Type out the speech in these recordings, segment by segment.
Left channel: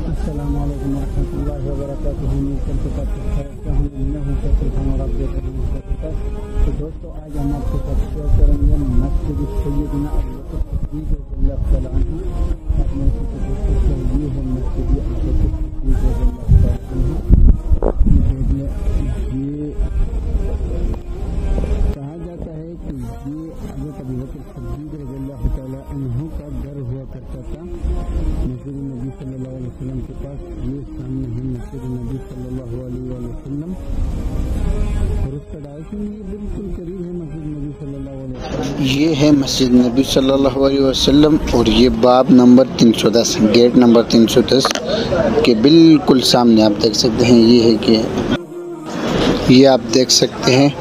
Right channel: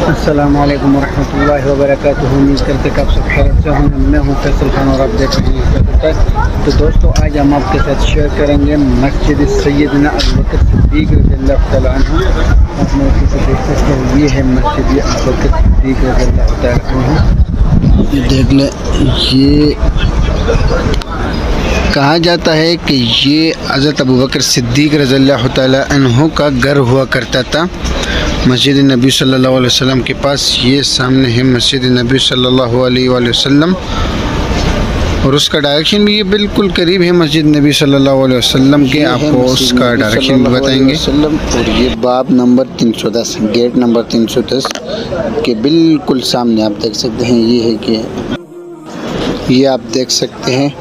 अस्सलामुअलैकुम वरहमतुल्लाहि वबरकातुहू। उम्मीद करते हैं कि आप सब खैरियत से होंगे। मैं हूँ फैसल खान और आप देख रहे हैं। तो दोस्तों, आज हम आपके साथ शेयर करेंगे मस्जिद सैयदना अबू बकर सिद्दीक रज़ियल्लाहु तआला अन्हु। आप मेरे पीछे देख सकते हैं, ये है मस्जिद अबू बकर सिद्दीक रज़ियल्लाहु तआला अन्हु। देख लें, ये कहा जाता है कि ये हज़रत अबू बकर सिद्दीक रज़ियल्लाहु तआला अन्हु का घर हुआ करता था मस्जिद नबी सल्लल्लाहु अलैहि वसल्लम के पास। ये सामने है मस्जिद नबी सल्लल्लाहु अलैहि वसल्लम और उसका डायरेक्शन भी ये बिल्कुल करीब है मस्जिद नबी सल्लल्लाहु अलैहि वसल्लम के। आपको उसका डायरेक्शन बताएंगे। और ये बाब नंबर 310, गेट नंबर 310 के बिल्कुल सामने आप देख सकते हैं। ये है कि ये आप देख सकते हैं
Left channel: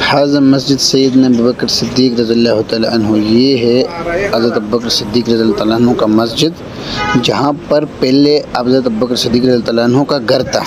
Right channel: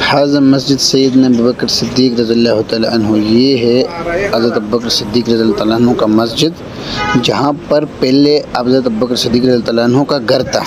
हाज़ा मस्जिद सैयदना अबू बकर सिद्दीक रज़ियल्लाहु तआला अन्हु। ये है हज़रत अबू बकर सिद्दीक रज़ियल्लाहु तआला अन्हु का मस्जिद, जहाँ पर पहले हज़रत अबू बकर सिद्दीक रज़ियल्लाहु तआला अन्हु का घर था।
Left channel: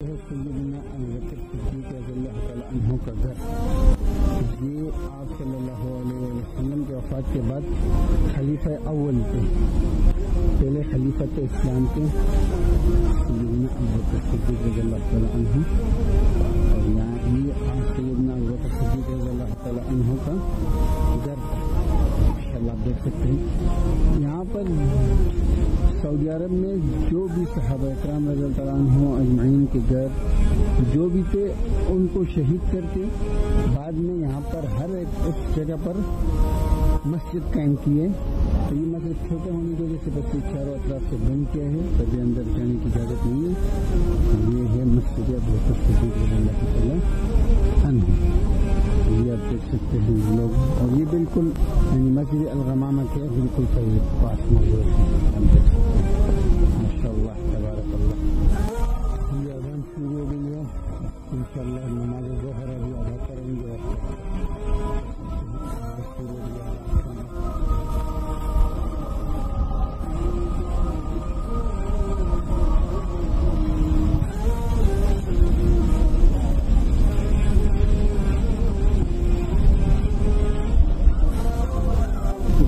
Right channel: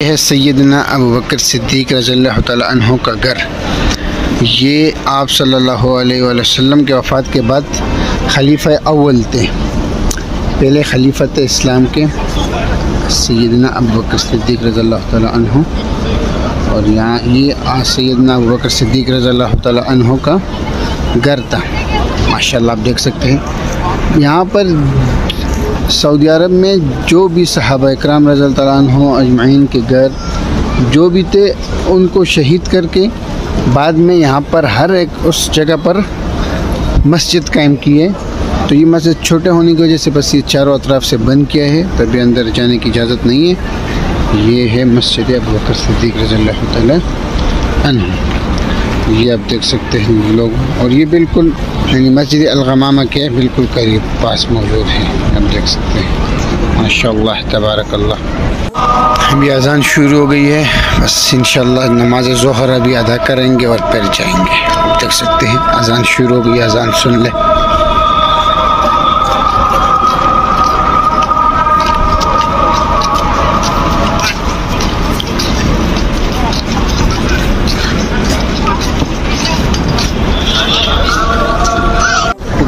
यह है सैयदना अबू बकर सिद्दीक रज़ियल्लाहु तआला अन्हु का घर। ये आप सल्लल्लाहु अलैहि वसल्लम के वफ़ात के बाद खलीफा अव्वल थे, पहले खलीफा थे इस्लाम के सैयदना अबू बकर सिद्दीक रज़ियल्लाहु तआला अन्हु। और यहाँ ये सैयदना अबू बकर सिद्दीक रज़ियल्लाहु तआला अन्हु का घर था। माशाल्लाह आप देख सकते हैं, यहाँ पर सऊदी अरब में जो भी सहाबा इकराम रज़ियल्लाहु तआला अन्हुम अजमईन के घर जो भी थे, उनको शहीद करके बाद में यहाँ पर हर एक उस जगह पर मस्जिद कायम की है। तो ये मस्जिद छोटे होने की वजह से बस ये चारों अतराफ से बंद किया है, तभी अंदर जाने की इजाज़त नहीं है। ये है मस्जिद अबू बकर सिद्दीक रज़ियल्लाहु तआला अन्हु। ये आप देख सकते हैं लोग, और ये बिल्कुल यानी मस्जिद अल-गमामा के बिल्कुल करीब पास मौजूद है। आप देख सकते हैं माशाअल्लाह तबारकल्लाह। अभी अज़ान शुरू हो गई है, बस इंशाअल्लाह नमाज ज़ोहर अभी अदा करेंगे और फिर जाएंगे। आप देख सकते हैं अज़ान शुरू हो गई, अज़ान सुन ले।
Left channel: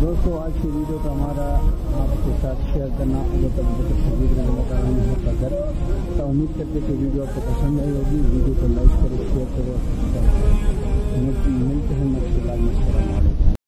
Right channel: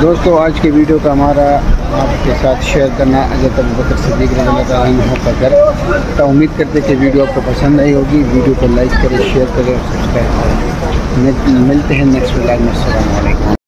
दोस्तों, आज के वीडियो का हमारा आपके साथ शेयर करना हज़रत अबू बकर सिद्दीक रज़ियल्लाहु तआला अन्हु का घर। तो उम्मीद करते कि वीडियो आपको पसंद आई होगी। वीडियो को लाइक करें, शेयर करें और सब्सक्राइब करें। मिलते हैं नेक्स्ट व्लॉग में। अस्सलामु अलैकुम।